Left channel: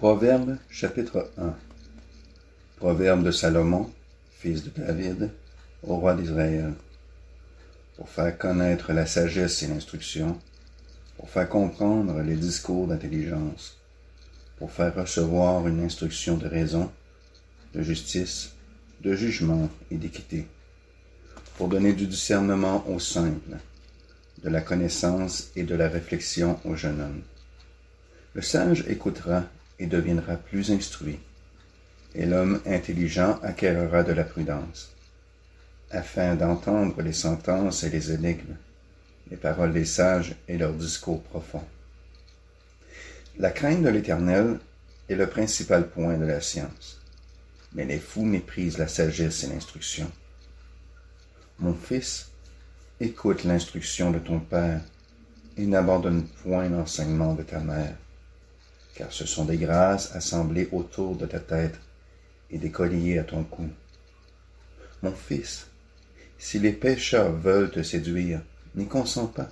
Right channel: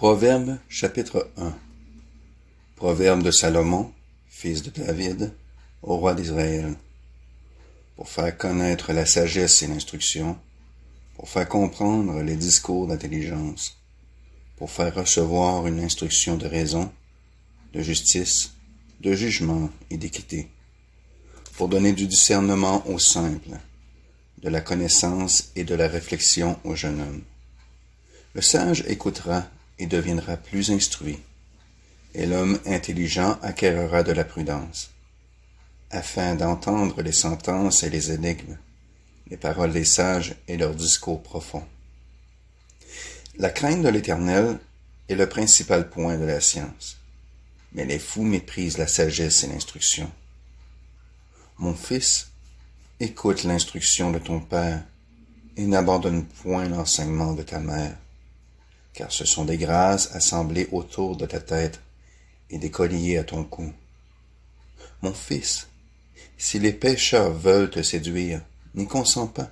Proverbe chapitre 1. Proverbe de Salomon, fils de David, au roi d'Israël, pour faire connaître la sagesse et l'instruction, pour faire comprendre les discours d'intelligence, pour faire recevoir une instruction de raison, de justice, de jugement et d'équité, pour donner du discernement aux simples, de la connaissance et de la réflexion au jeune homme. Le sage écoutera et deviendra plus instruit, et l'homme intelligent acquérera de la prudence, afin d'entendre les sentences et les énigmes, les paroles des sages et leurs discours profonds. La crainte de l'Éternel est le principal point de la science, mais les fous méprisent la sagesse et l'instruction. Mon fils, écoute l'instruction de ton père, et n'abandonne point l'enseignement de ta mère, car ce sont des grâces assemblées autour de ta tête et des colliers à ton cou. Mon fils, si les pécheurs veulent te séduire, n'y consens pas.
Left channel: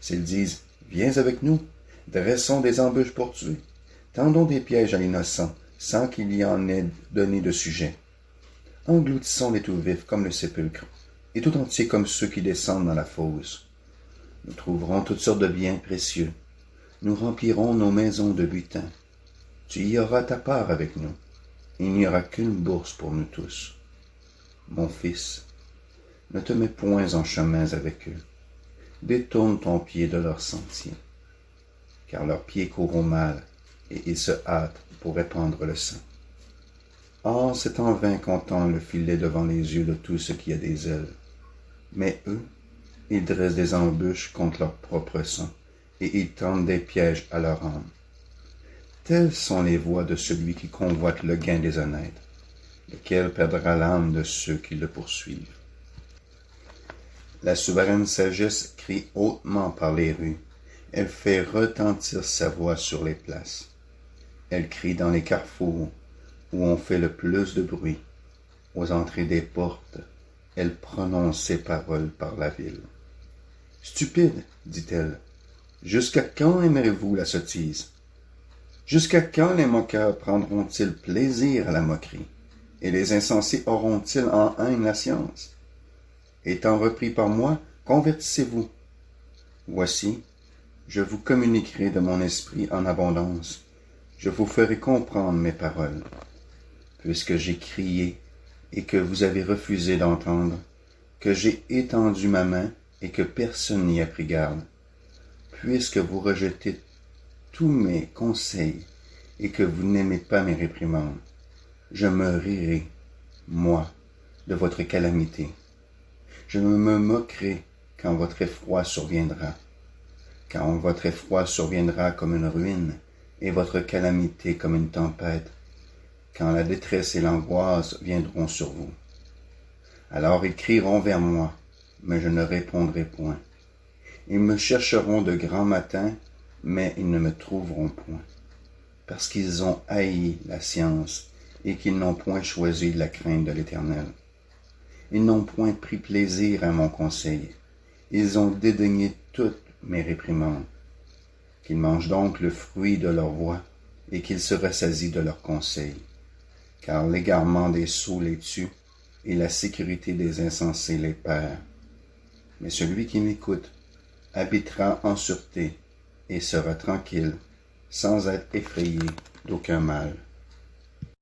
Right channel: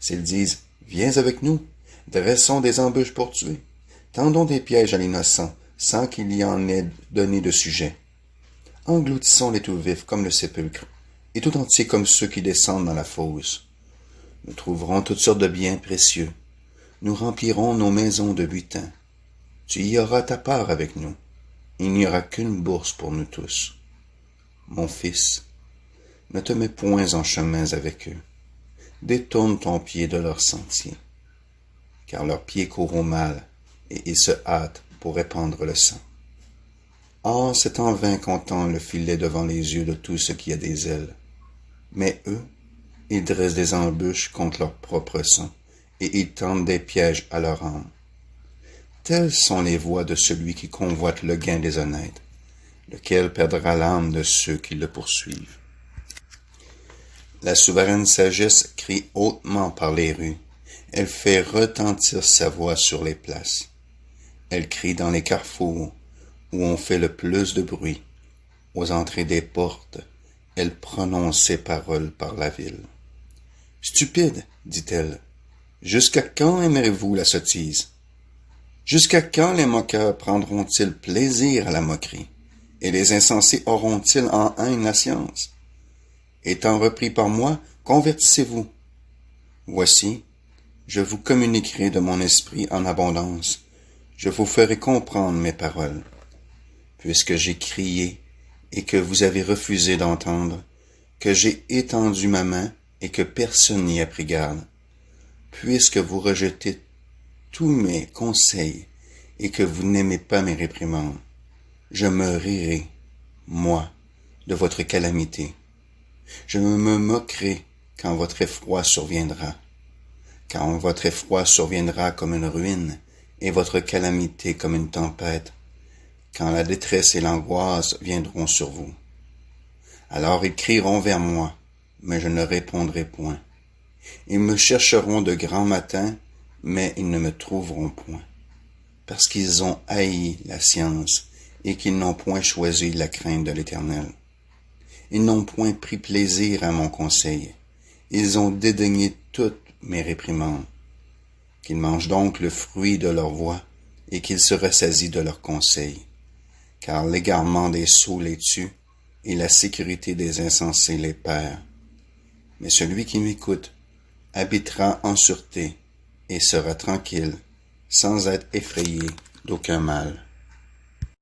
S'ils disent, viens avec nous, dressons des embûches pour tuer, tendons des pièges à l'innocent, sans qu'il y en ait donné de sujet. Engloutissons-les tout vifs comme le sépulcre, et tout entier comme ceux qui descendent dans la fosse. Nous trouverons toutes sortes de biens précieux. Nous remplirons nos maisons de butin. Tu y auras ta part avec nous. Il n'y aura qu'une bourse pour nous tous. Mon fils, ne te mets point en chemin avec eux. Détourne ton pied de leurs sentiers, car leurs pieds courent au mal, et ils se hâtent pour répandre le sang. Or, c'est en vain qu'on tend le filet devant les yeux de tout ce qui a des ailes. Mais eux, ils dressent des embûches contre leur propre sang, et ils tendent des pièges à leur âme. Telles sont les voies de celui qui convoite le gain des honnêtes, lequel perdra l'âme de ceux qui le poursuivent. La souveraine sagesse crie hautement par les rues. Elle fait retentir sa voix sur les places. Elle crie dans les carrefours, où on fait le plus de bruit. Aux entrées des portes, elle prononce ses paroles par la ville. Stupide, dit-elle, jusqu'à quand aimerez-vous la sottise? Jusqu'à quand les moqueurs prendront-ils plaisir à la moquerie, et les insensés auront-ils en haine la science? Étant repris par moi, convertissez-vous. Voici, je vous communiquerai de mon esprit en abondance, je vous ferai comprendre mes paroles. Puisque j'ai crié et que vous avez refusé d'entendre, que j'ai étendu ma main et que personne n'y a pris garde, puisque vous rejetez tous mes conseils et que vous n'aimez pas mes réprimandes, je me rirai, moi, de votre calamité. Je me moquerai quand votre effroi surviendra, quand votre effroi surviendra comme une ruine et votre calamité comme une tempête, quand la détresse et l'angoisse viendront sur vous. Alors ils crieront vers moi, mais je ne répondrai point. Ils me chercheront de grand matin, mais ils ne me trouveront point, parce qu'ils ont haï la science et qu'ils n'ont point choisi la crainte de l'Éternel. Ils n'ont point pris plaisir à mon conseil. Ils ont dédaigné toutes mes réprimandes. Qu'ils mangent donc le fruit de leur voix et qu'ils se rassasient de leurs conseils. Car l'égarement des sots les tue et la sécurité des insensés les perd. Mais celui qui m'écoute habitera en sûreté et sera tranquille, sans être effrayé d'aucun mal.